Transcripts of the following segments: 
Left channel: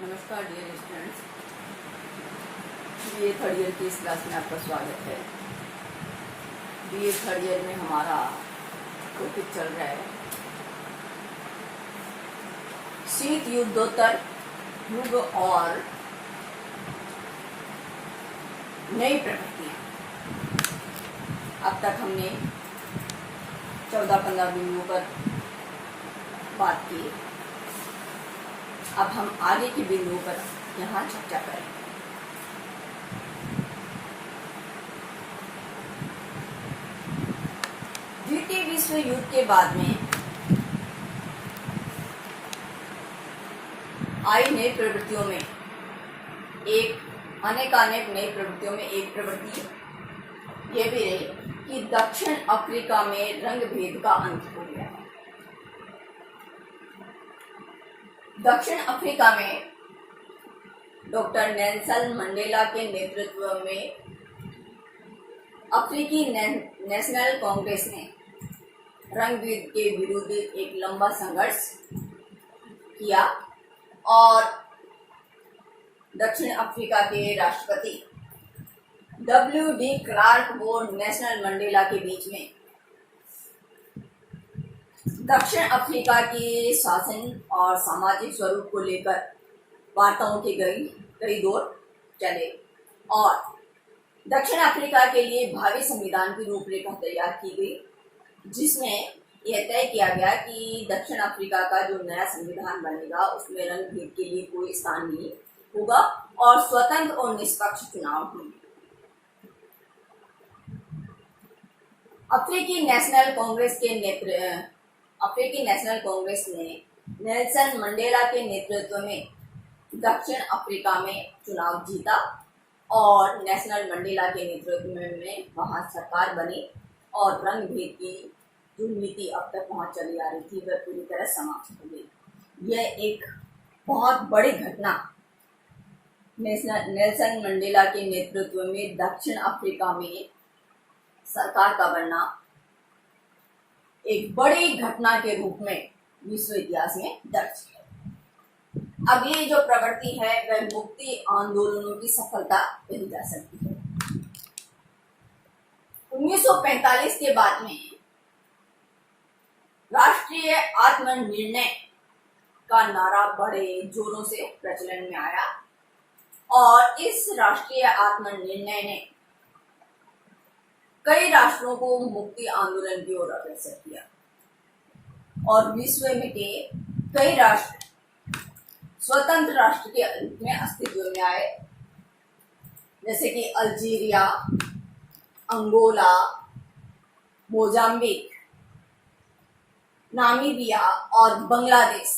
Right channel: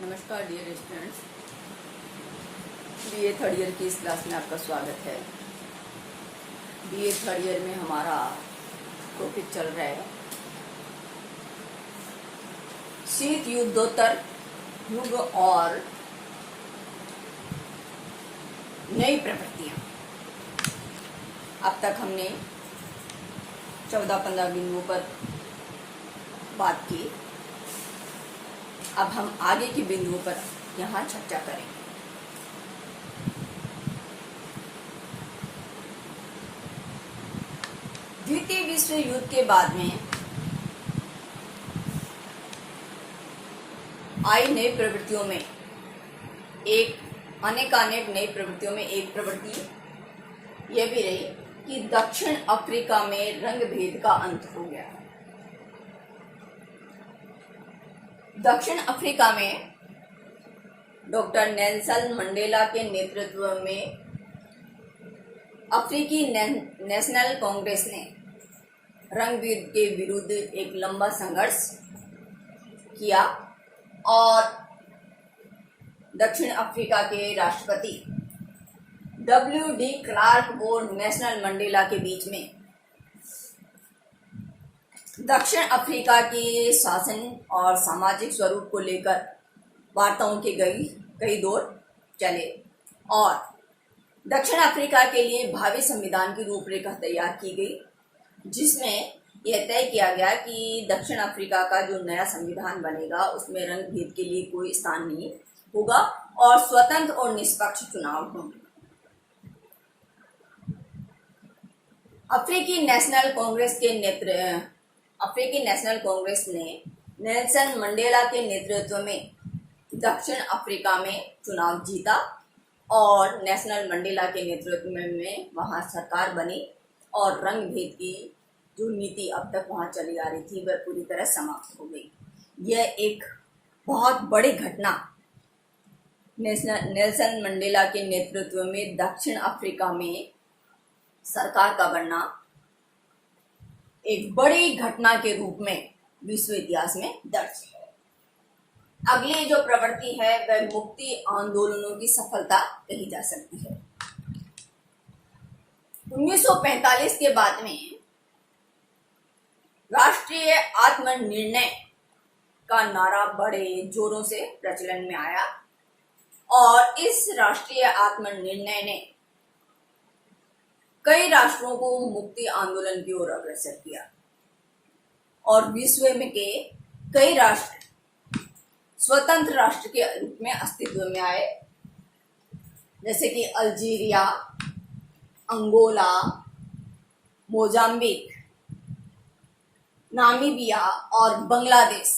नमस्कार dear students, BA third year की इस क्लास में आपका स्वागत है। बीए थर्ड ईयर में हमारा टॉपिक चल रहा है शीत युद्धोत्तर युग और नई प्रवृत्तियां। अब तक हमने 14-15 बिंदुओं पर बात की। अब हम आगे के बिंदुओं पर यहाँ चर्चा करेंगे। द्वितीय विश्व युद्ध के बाद में आई नई प्रवृत्तियों में अनेकानेक नई प्रवृत्तियों में एक प्रवृत्ति यह भी रही कि दक्षिण अफ्रीका में रंग भेद का अंत हो गया। दक्षिण अफ्रीका में डॉक्टर नेल्सन मंडेला के नेतृत्व में अफ्रीकी नेशनल कांग्रेस ने रंग भेद के विरुद्ध एक लंबा संघर्ष किया और दक्षिण अफ्रीका के राष्ट्रपति W.D. क्लार्क और नेल्सन मंडेला के बीच में दक्षिण अफ्रीका के शासन और सामाजिक स्वरूप को लेकर वार्ताओं के कई दौर चले और दक्षिण अफ्रीका के लिए भावी संविधान की रूपरेखा तैयार की गई, जिसमें यह तय किया गया कि दक्षिण अफ्रीका का जो नया संविधान बनेगा उसमें रंग भेद के लिए कोई स्थान नहीं होगा और स्वतंत्र और निष्पक्ष चुनाव होंगे। अफ्रीकी नेशनल कांग्रेस ने नेल्सन मंडेला के नेतृत्व में दक्षिण अफ्रीका में चुनाव जीता और नेल्सन मंडेला के नेतृत्व में वहां सरकार बनी और रंग भेद की जो नीति अब तक वहां चली आ रही थी वह पूरी तरह समाप्त हो गई। यह एक बहुत बड़ी घटना नेल्सन मंडेला के नेतृत्व में दक्षिण अफ्रीका में सरकार का बनना एक बड़ी घटना के रूप में विश्व इतिहास में दर्ज है। अगली जो प्रवृत्ति है वह मुक्ति आंदोलनों की सफलता कही जा सकती है। 1945 के बाद में राष्ट्रीय आत्मनिर्णय का नारा बड़े जोरों से प्रचलन में आया और इस राष्ट्रीय आत्मनिर्णय ने कई राष्ट्रों को मुक्ति आंदोलन की ओर अग्रसर किया और विश्व में के कई राष्ट्र स्वतंत्र राष्ट्र के रूप में अस्तित्व में आए, जैसे कि अल्जीरिया, अंगोला, मोजाम्बिक, नामीबिया और बांग्लादेश।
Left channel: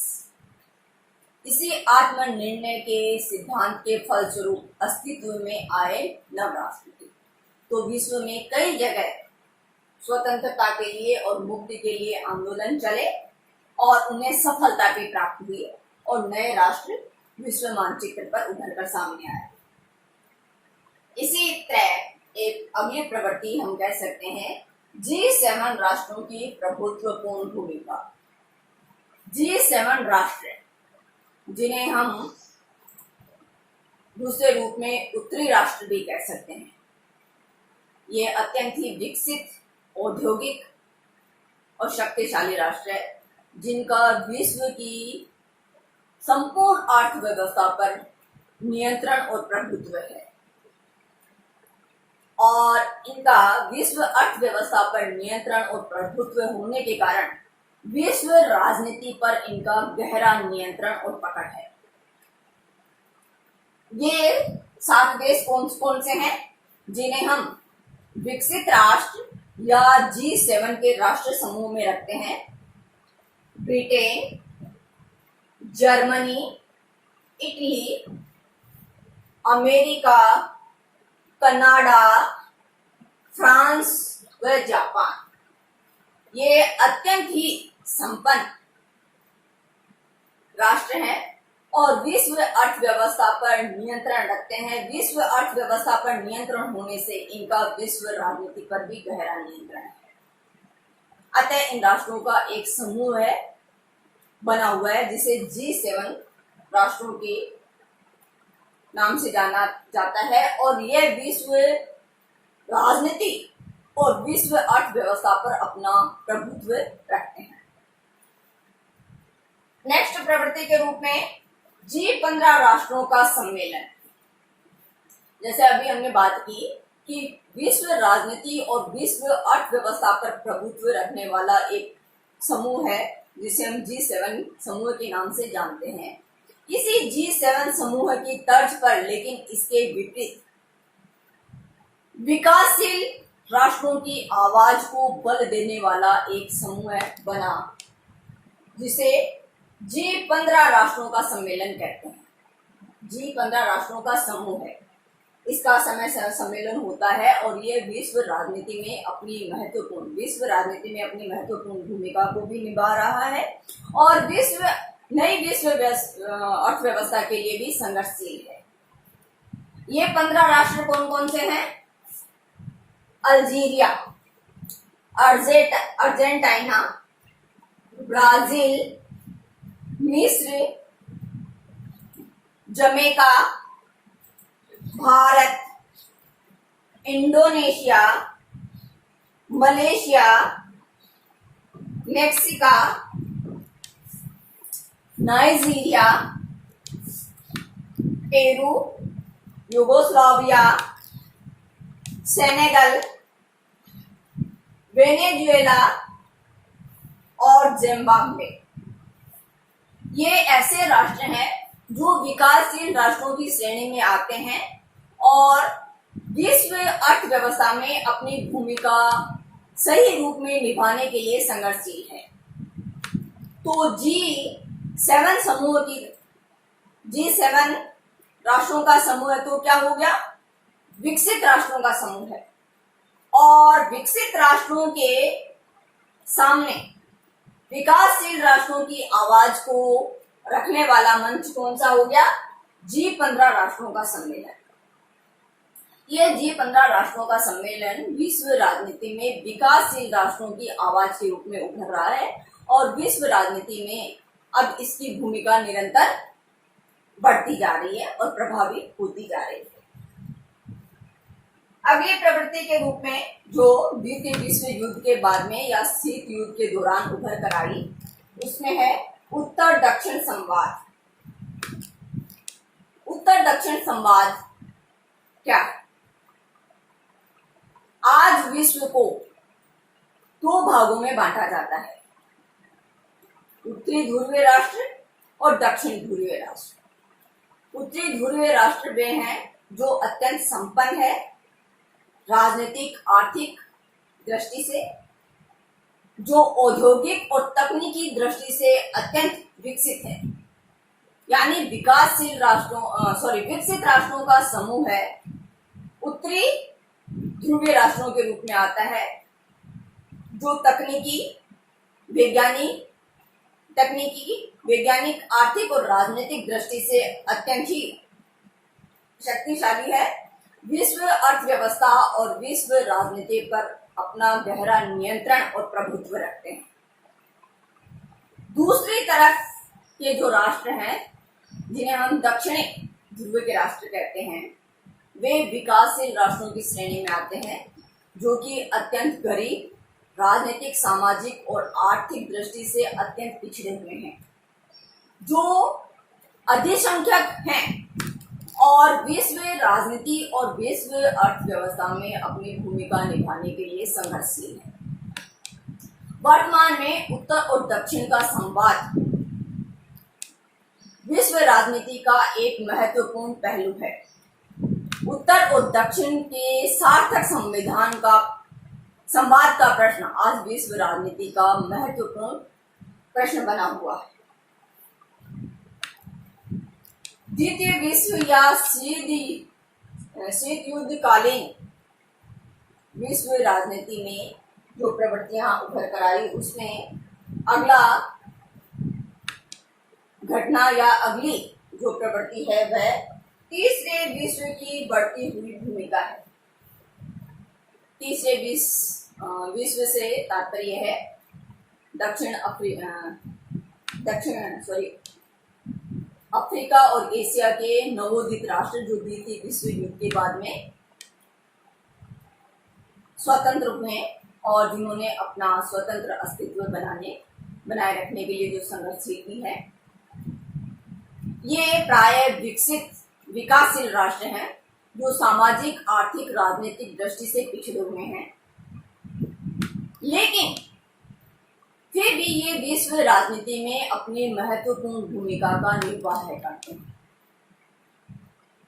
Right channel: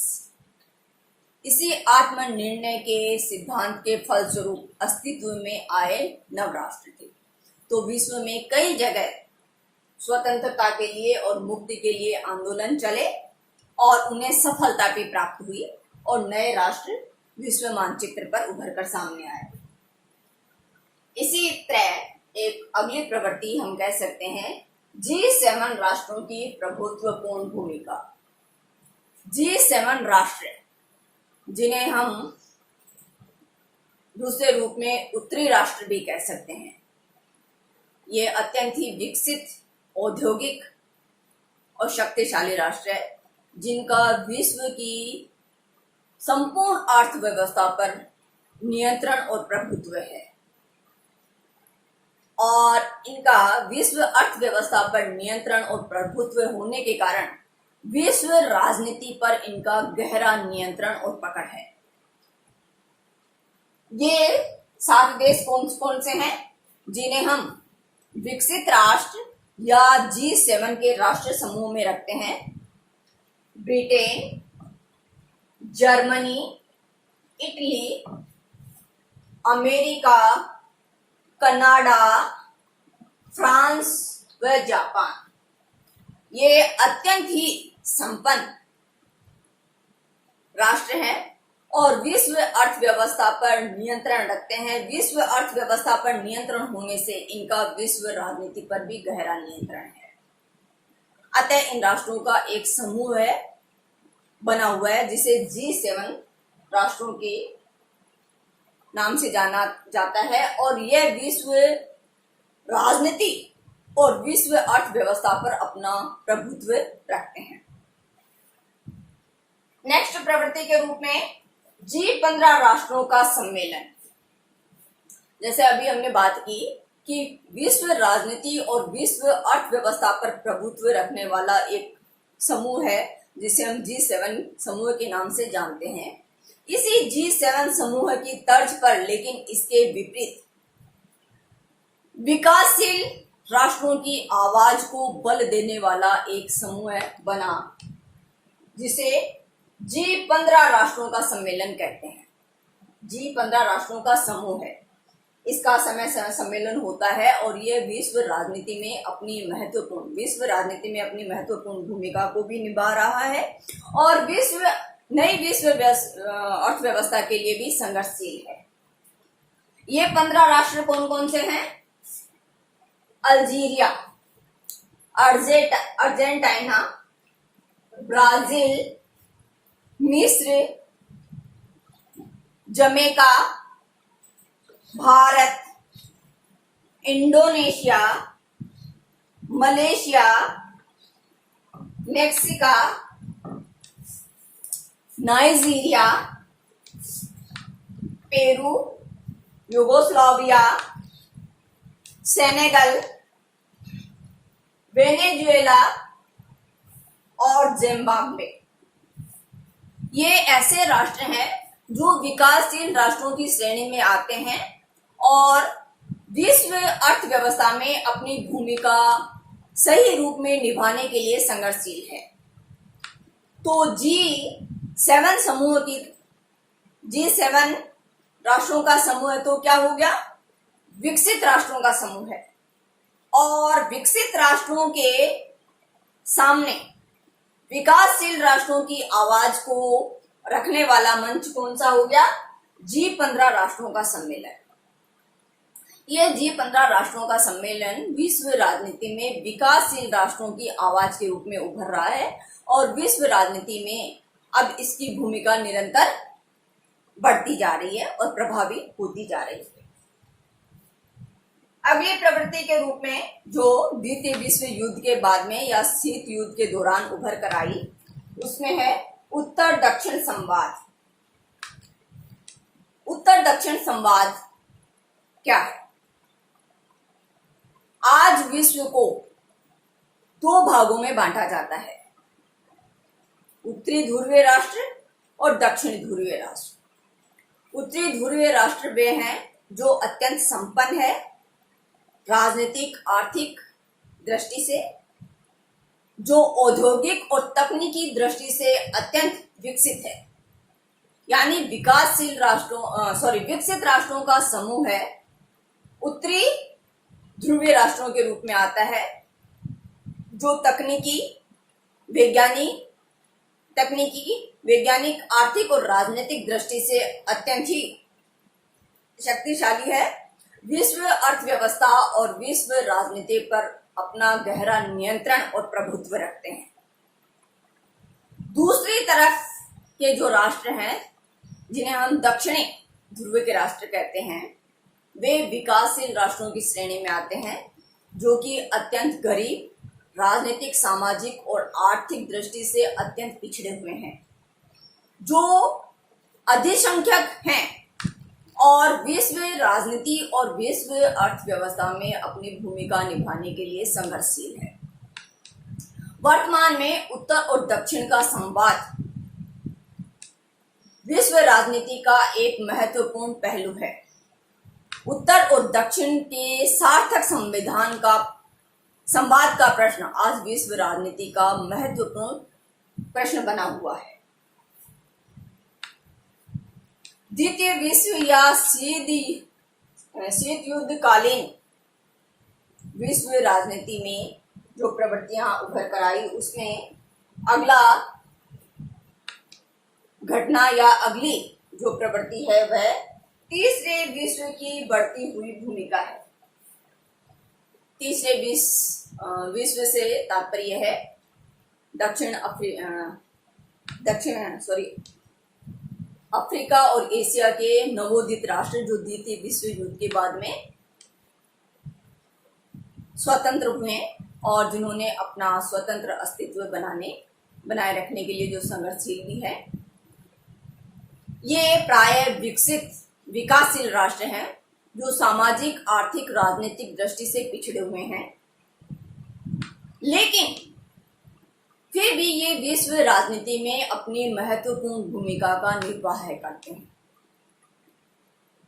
इसी आत्मनिर्णय के सिद्धांत के फलस्वरूप अस्तित्व में आए नव राष्ट्र थे। तो विश्व में कई जगह स्वतंत्रता के लिए और मुक्ति के लिए आंदोलन चले और उन्हें सफलता भी प्राप्त हुई और नए राष्ट्र विश्व मानचित्र पर उभर कर सामने आए। इसी तरह एक अगली प्रवृत्ति हम कह सकते हैं G7 राष्ट्रों की प्रभुत्वपूर्ण भूमिका। G7 राष्ट्र, जिन्हें हम दूसरे रूप में उत्तरी राष्ट्र भी कह सकते हैं, ये अत्यंत ही विकसित, औद्योगिक और शक्तिशाली राष्ट्र है जिनका विश्व की संपूर्ण अर्थव्यवस्था पर नियंत्रण और प्रभुत्व है और इनका विश्व अर्थव्यवस्था पर नियंत्रण और प्रभुत्व होने के कारण विश्व राजनीति पर इनका गहरा नियंत्रण और पकड़ है। ये 7 देश कौन कौन से हैं जिन्हें हम विकसित राष्ट्र या G7 के राष्ट्र समूह में रखते हैं? Britain, Germany, Italy, America, Canada, France व जापान। ये अत्यंत ही संपन्न राष्ट्र हैं और विश्व अर्थव्यवस्था पर नियंत्रण रखते हैं। विश्व अर्थव्यवस्था पर नियंत्रण होने से इनका विश्व राजनीति पर भी गहरा नियंत्रण है। अतः इन राष्ट्रों का एक समूह बना हुआ है जिसे G7 राष्ट्रों के नाम से जाना जाता है और यह विश्व राजनीति और विश्व अर्थव्यवस्था पर अपना प्रभुत्व रखते हैं। नेक्स्ट प्रवृत्ति के रूप में G15 राष्ट्रों का सम्मेलन। जैसे अभी हमने बात की कि विश्व राजनीति और विश्व अर्थव्यवस्था पर प्रभुत्व रखने वाला एक समूह है जिसे हम G7 समूह के नाम से जानते हैं। इसी G7 समूह की तर्ज पर लेकिन इसके विपरीत विकासशील राष्ट्रों की आवाज को बल देने वाला एक समूह बना जिसे G15 राष्ट्रों का सम्मेलन कहते हैं। G15 राष्ट्रों का समूह है, इसका समय सम्मेलन होता है और यह विश्व राजनीति में अपनी महत्वपूर्ण भूमिका को भी निभा रहा है और नई विश्व अर्थव्यवस्था के लिए भी संघर्षशील है। ये 15 राष्ट्र कौन कौन से हैं? अल्जीरिया, अर्जेंटीना, ब्राजील, मिस्र, Jamaica, Bharat, Indonesia, Malaysia, Mexico, Nigeria, Peru, Yugoslavia, Senegal, Venezuela और जिम्बाब्वे। ये ऐसे राष्ट्र हैं जो विकासशील राष्ट्रों की श्रेणी में आते हैं और विश्व अर्थव्यवस्था में अपनी भूमिका सही रूप में निभाने के लिए संघर्षशील है। तो G7 राष्ट्रों का समूह है तो क्या हो गया? विकसित राष्ट्रों का समूह है और विकसित राष्ट्रों के सामने विकासशील राष्ट्रों की आवाज को रखने वाला मंच कौन सा हो गया? G15 राष्ट्रों का सम्मेलन। यह G15 राष्ट्रों का सम्मेलन विश्व राजनीति में विकासशील राष्ट्रों की आवाज के रूप में उभर रहा है और विश्व राजनीति में अब इसकी भूमिका निरंतर बढ़ती जा रही है और प्रभावी होती जा रही है। अगली प्रवृत्ति के रूप में जो द्वितीय विश्व युद्ध के बाद में या शीत युद्ध के दौरान उभर कर आई उसमें है उत्तर दक्षिण संवाद। उत्तर दक्षिण संवाद क्या है? आज विश्व को दो भागों में बांटा जाता है, उत्तरी ध्रुवीय राष्ट्र और दक्षिणी ध्रुवीय राष्ट्र। उत्तरी ध्रुवीय राष्ट्र वे हैं जो अत्यंत संपन्न है राजनीतिक आर्थिक दृष्टि से, जो औद्योगिक और तकनीकी दृष्टि से अत्यंत विकसित है, यानी विकसित राष्ट्रों का समूह है। उत्तरी ध्रुवीय राष्ट्रों के रूप में आता है जो तकनीकी, वैज्ञानिक, आर्थिक और राजनीतिक दृष्टि से अत्यंत ही शक्तिशाली है, विश्व अर्थव्यवस्था और विश्व राजनीति पर अपना गहरा नियंत्रण और प्रभुत्व रखते हैं। दूसरी तरफ के जो राष्ट्र हैं जिन्हें हम दक्षिणी ध्रुव के राष्ट्र कहते हैं, वे विकासशील राष्ट्रों की श्रेणी में आते हैं जो कि अत्यंत गरीब, राजनीतिक, सामाजिक और आर्थिक दृष्टि से अत्यंत पिछड़े हुए हैं, जो अधिसंख्यक हैं और विश्व राजनीति और विश्व अर्थव्यवस्था में अपनी भूमिका निभाने के लिए संघर्षशील है। वर्तमान में उत्तर और दक्षिण का संवाद विश्व राजनीति का एक महत्वपूर्ण पहलू है। उत्तर और दक्षिण के सार्थक संवाद का प्रश्न आज विश्व राजनीति का महत्वपूर्ण प्रश्न बना हुआ है। द्वितीय विश्व या शीत युद्ध कालीन विश्व राजनीति में जो प्रवृत्तियां उभर कर आई उसमें अगला घटना या अगली जो प्रवृत्ति है वह तीसरे विश्व की बढ़ती हुई भूमिका है। तीसरे विश्व से तात्पर्य है अफ्रीका और एशिया के नवोदित राष्ट्र जो द्वितीय विश्व युद्ध के बाद में स्वतंत्र हुए और जिन्होंने अपना स्वतंत्र अस्तित्व बनाए रखने के लिए जो संघर्षशील भी है, ये प्राय विकसित विकासशील राष्ट्र हैं जो सामाजिक, आर्थिक, राजनीतिक दृष्टि से पिछड़े हुए हैं, लेकिन फिर भी ये विश्व राजनीति में अपनी महत्वपूर्ण भूमिका का निर्वाह करते हैं।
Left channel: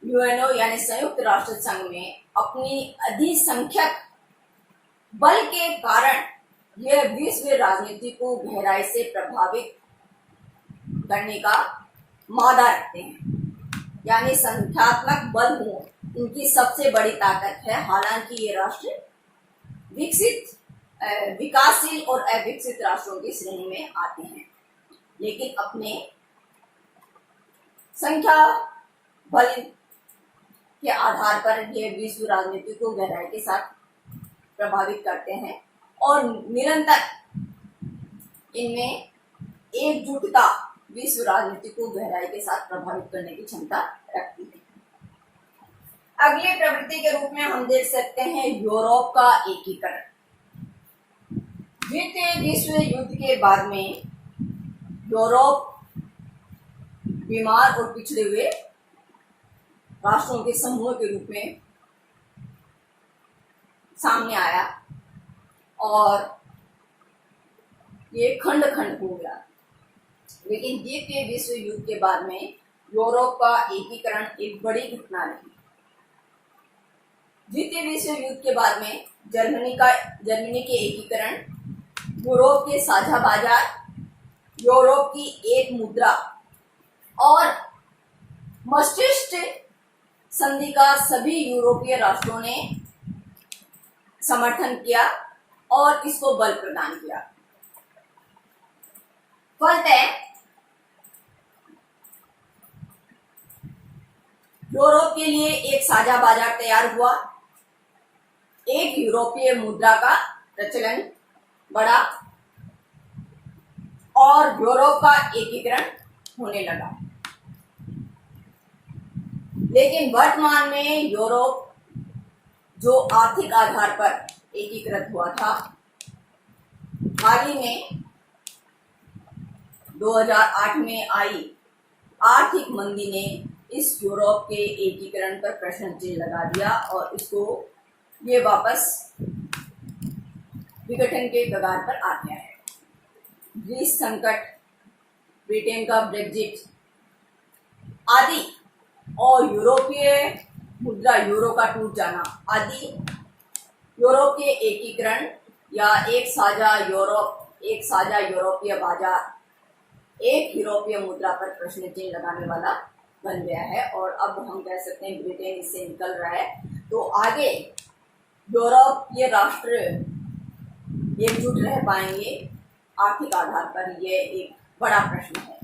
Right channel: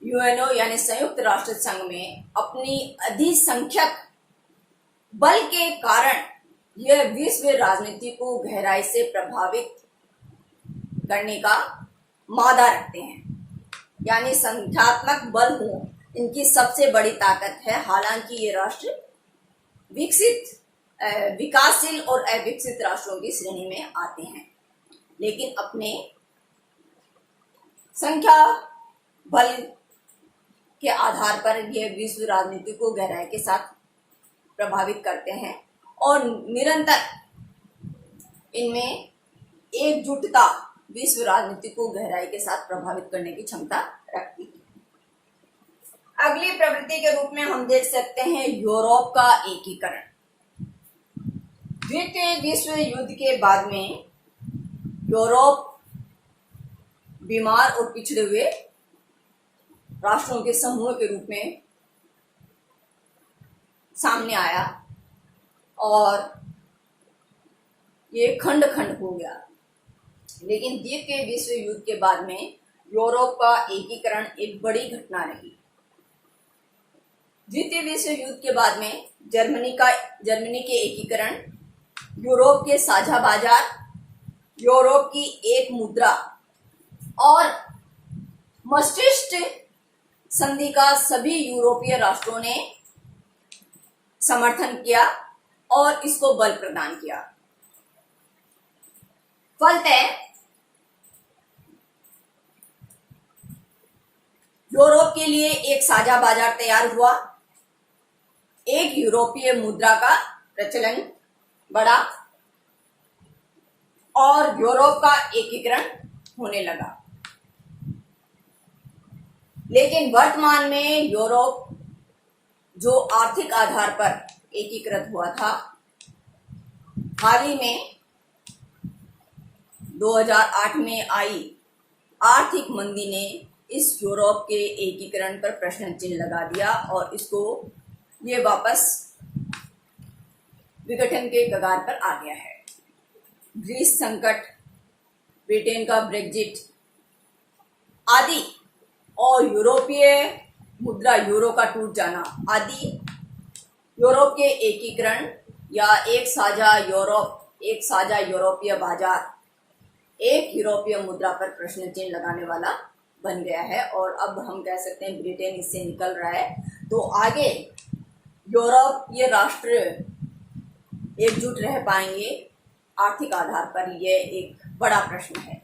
यूएनओ यानी संयुक्त राष्ट्र संघ में अपनी अधिसंख्यक बल के कारण यह विश्व राजनीति को गहराई से प्रभावित करने का मादा रखते हैं, यानी संख्यात्मक बल हो इनकी सबसे बड़ी ताकत है। हालांकि ये राष्ट्र विकसित, विकासशील और अविकसित राष्ट्रों की श्रेणी में आते हैं, लेकिन अपने संख्या बल के आधार पर यह विश्व राजनीति को गहराई के साथ प्रभावित करते हैं और निरंतर इनमें एकजुटता विश्व राजनीति को गहराई के साथ प्रभावित करने की क्षमता रखती है। अगली प्रवृत्ति के रूप में हम देख सकते हैं यूरोप का एकीकरण। द्वितीय विश्व युद्ध के बाद में यूरोप बीमार और पिछड़े हुए राष्ट्रों के समूह के रूप में सामने आया और ये खंड खंड हो गया। लेकिन द्वितीय विश्व युद्ध के बाद में यूरोप का एकीकरण एक बड़ी घटना रही। द्वितीय विश्व युद्ध के बाद में जर्मनी के एकीकरण, यूरोप के साझा बाजार, यूरोप की एक मुद्रा और maastricht संधि का सभी यूरोपीय राष्ट्रों ने समर्थन किया और इसको बल प्रदान किया। फलतः यूरोप के लिए एक साझा बाजार तैयार हुआ, एक यूरोपीय मुद्रा का प्रचलन बढ़ा और यूरोप का एकीकरण होने लगा। लेकिन वर्तमान में यूरोप जो आर्थिक आधार पर एकीकृत हुआ था, हाल ही में 2008 में आई आर्थिक मंदी ने इस यूरोप के एकीकरण पर प्रश्न चिन्ह लगा दिया और इसको ये वापस विघटन के कगार पर आ गया है। ग्रीस संकट, ब्रिटेन का ब्रेग्जिट आदि और यूरोपीय मुद्रा यूरो का टूट जाना आदि यूरोप के एकीकरण या एक साझा यूरोपीय बाजार, एक यूरोपीय मुद्रा पर प्रश्न चिन्ह लगाने वाला बन गया है। और अब हम कह सकते हैं ब्रिटेन इससे निकल रहा है, तो आगे यूरोपीय राष्ट्र एकजुट रह पाएंगे आर्थिक आधार पर, यह एक बड़ा प्रश्न है।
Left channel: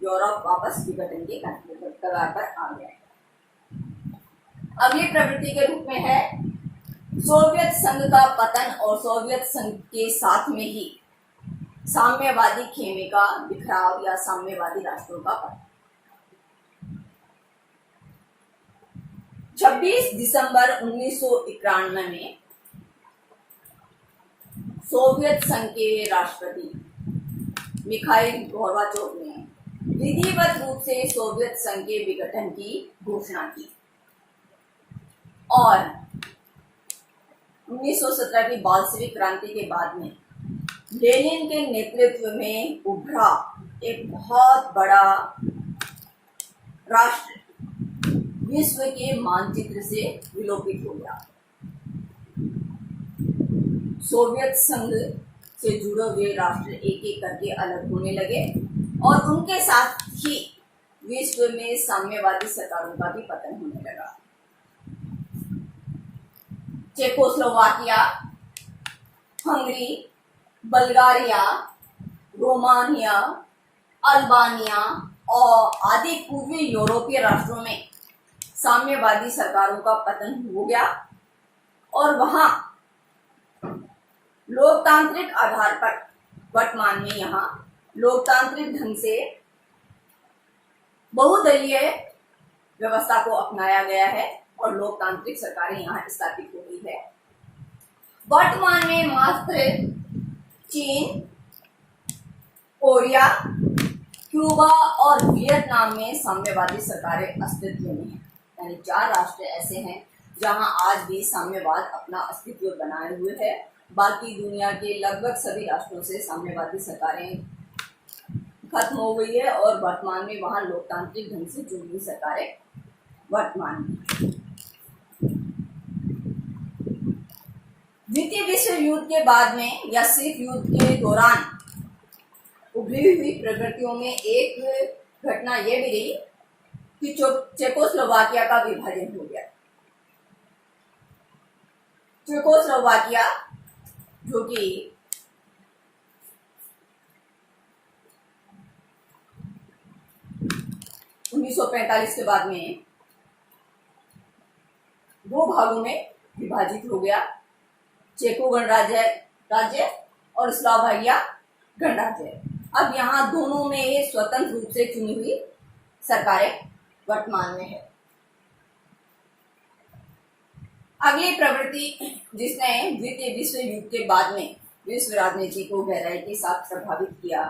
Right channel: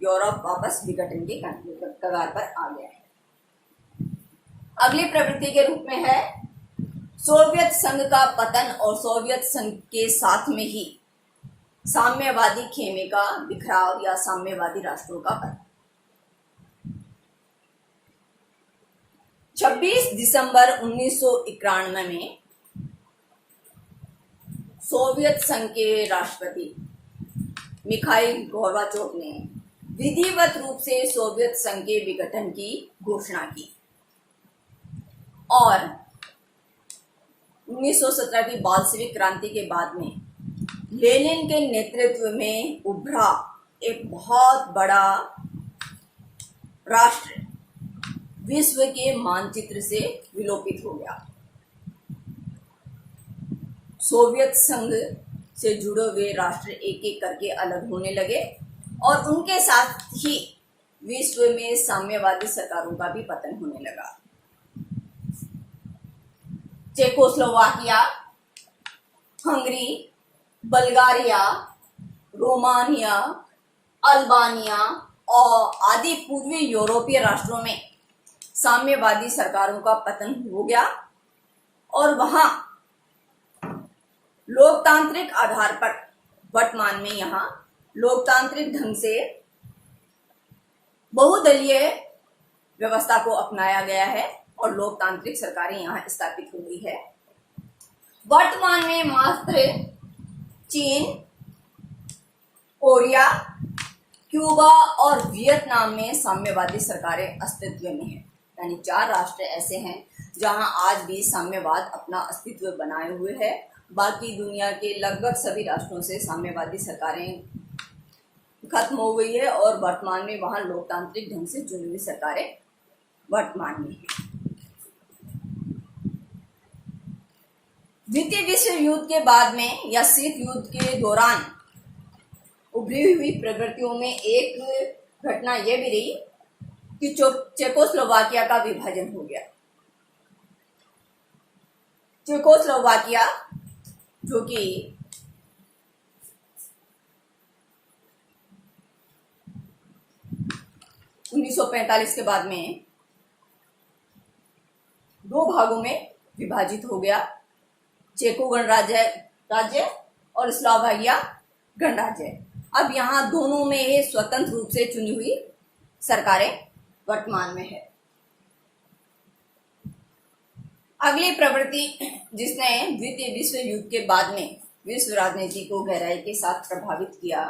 यूरोप वापस विघटन के कगार पर आ गया है। अगली प्रवृत्ति के रूप में है सोवियत संघ का पतन और सोवियत संघ के साथ में ही साम्यवादी खेमे का बिखराव या साम्यवादी राष्ट्रों का पतन। 26 दिसंबर 1991 में सोवियत संघ के राष्ट्रपति मिखाइल गोर्बाचोव ने विधिवत रूप से सोवियत संघ के विघटन की घोषणा की और 1917 की बाल्शेविक क्रांति के बाद में लेनिन के नेतृत्व में उभरा एक बहुत बड़ा राष्ट्र विश्व के मानचित्र से विलोपित हो गया। सोवियत संघ से जुड़े हुए राष्ट्र एक एक करके अलग होने लगे और उनके साथ ही विश्व में साम्यवादी सरकारों का भी पतन होने लगा। Czechoslovakia, Hungary, Bulgaria, Romania, Albania और आदि पूर्वी यूरोपीय राष्ट्रों में साम्यवादी सरकारों का पतन हो गया और वहां लोकतांत्रिक आधार पर वर्तमान में यहाँ लोकतांत्रिक ढंग से बहुदलीय व्यवस्था को अपनाया गया है और लोकतांत्रिक सरकारें यहाँ स्थापित हो गई है। वर्तमान में मात्र चीन, कोरिया, क्यूबा और वियतनाम में साम्यवादी सरकारें अस्तित्व में हैं। यानी 4 राष्ट्र ऐसे हैं जहां आज भी साम्यवाद अपना अस्तित्व बनाए हुए है। बाकी दुनिया के लगभग सभी राष्ट्रों से साम्यवादी सरकारें खत्म हो गई है और वर्तमान में वहां लोकतांत्रिक ढंग से चुनी हुई सरकारें वर्तमान में हैं। द्वितीय विश्व युद्ध के बाद में या शीत युद्ध के दौरान उभरी हुई प्रवृत्तियों में एक घटना यह भी रही कि चेकोस्लोवाकिया का विभाजन हो गया। चेकोस्लोवाकिया जो कि उन्नीस सौ 1945 के बाद में 2 भागों में विभाजित हो गया, चेको गणराज्य और स्लोवाकिया गणराज्य। अब यहाँ दोनों में ये स्वतंत्र रूप से चुनी हुई सरकारें वर्तमान में है। अगली प्रवृत्ति जिसने द्वितीय विश्व युद्ध के बाद में विश्व राजनीति को गहराई के साथ प्रभावित किया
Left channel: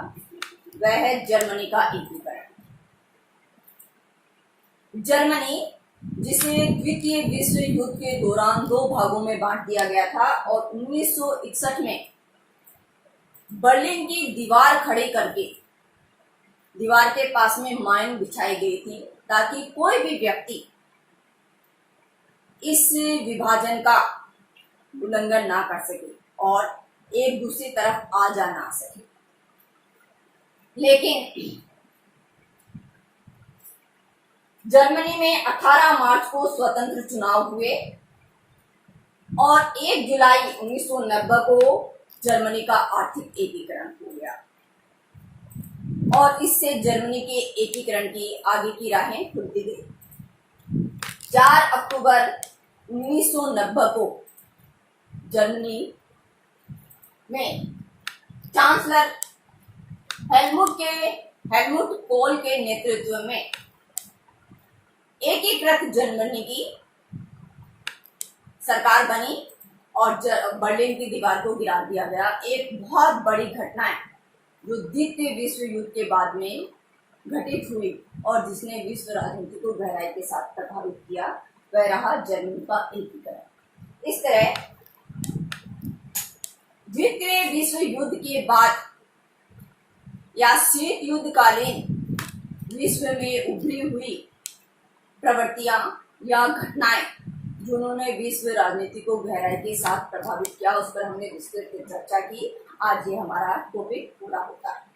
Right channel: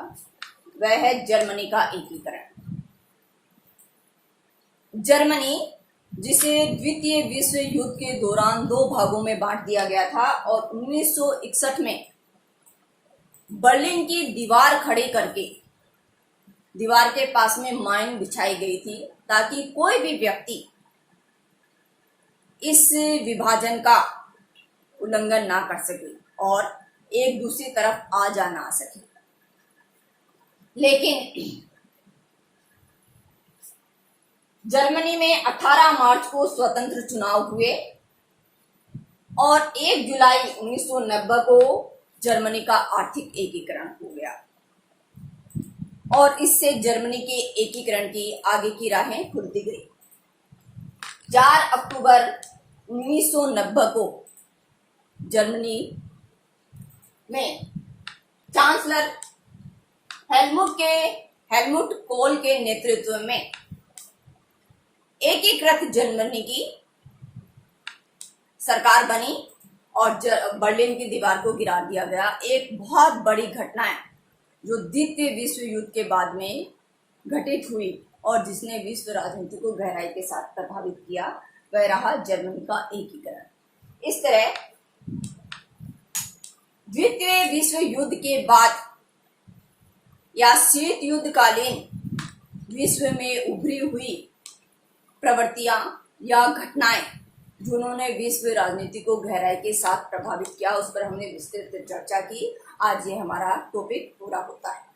वह है जर्मनी का एकीकरण। जर्मनी जिसे द्वितीय विश्व युद्ध के दौरान 2 भागों में बांट दिया गया था और 1961 में बर्लिन की दीवार खड़ी करके दीवार के पास में माइन बिछाई गई थी ताकि कोई भी व्यक्ति इस विभाजन का उल्लंघन ना कर सके और एक दूसरी तरफ आ जा ना सके। लेकिन जर्मनी में 18 मार्च को स्वतंत्र चुनाव हुए और 1 जुलाई 1990 को जर्मनी का आर्थिक एकीकरण हो गया और इससे जर्मनी के एकीकरण की आगे की राहें खुलती गई। 4 अक्टूबर 1990 को जर्मनी में चांसलर हेलमुट कोल के नेतृत्व में एकीकृत जर्मनी की सरकार बनी और बर्लिन की दीवार को गिरा दिया गया। एक बहुत बड़ी घटना है जो द्वितीय विश्व युद्ध के बाद में घटित हुई और जिसने विश्व राजनीति को गहराई के साथ प्रभावित किया वह रहा जर्मनी का एकीकरण। इस तरह द्वितीय विश्व युद्ध के बाद या शीत युद्ध कालीन विश्व में उभरी हुई प्रवृत्तियां या घटनाएं जिन्होंने विश्व राजनीति को गहराई के साथ प्रभावित किया उस पर हमने विस्तृत चर्चा की। आज ये हमारा टॉपिक पूरा होता है।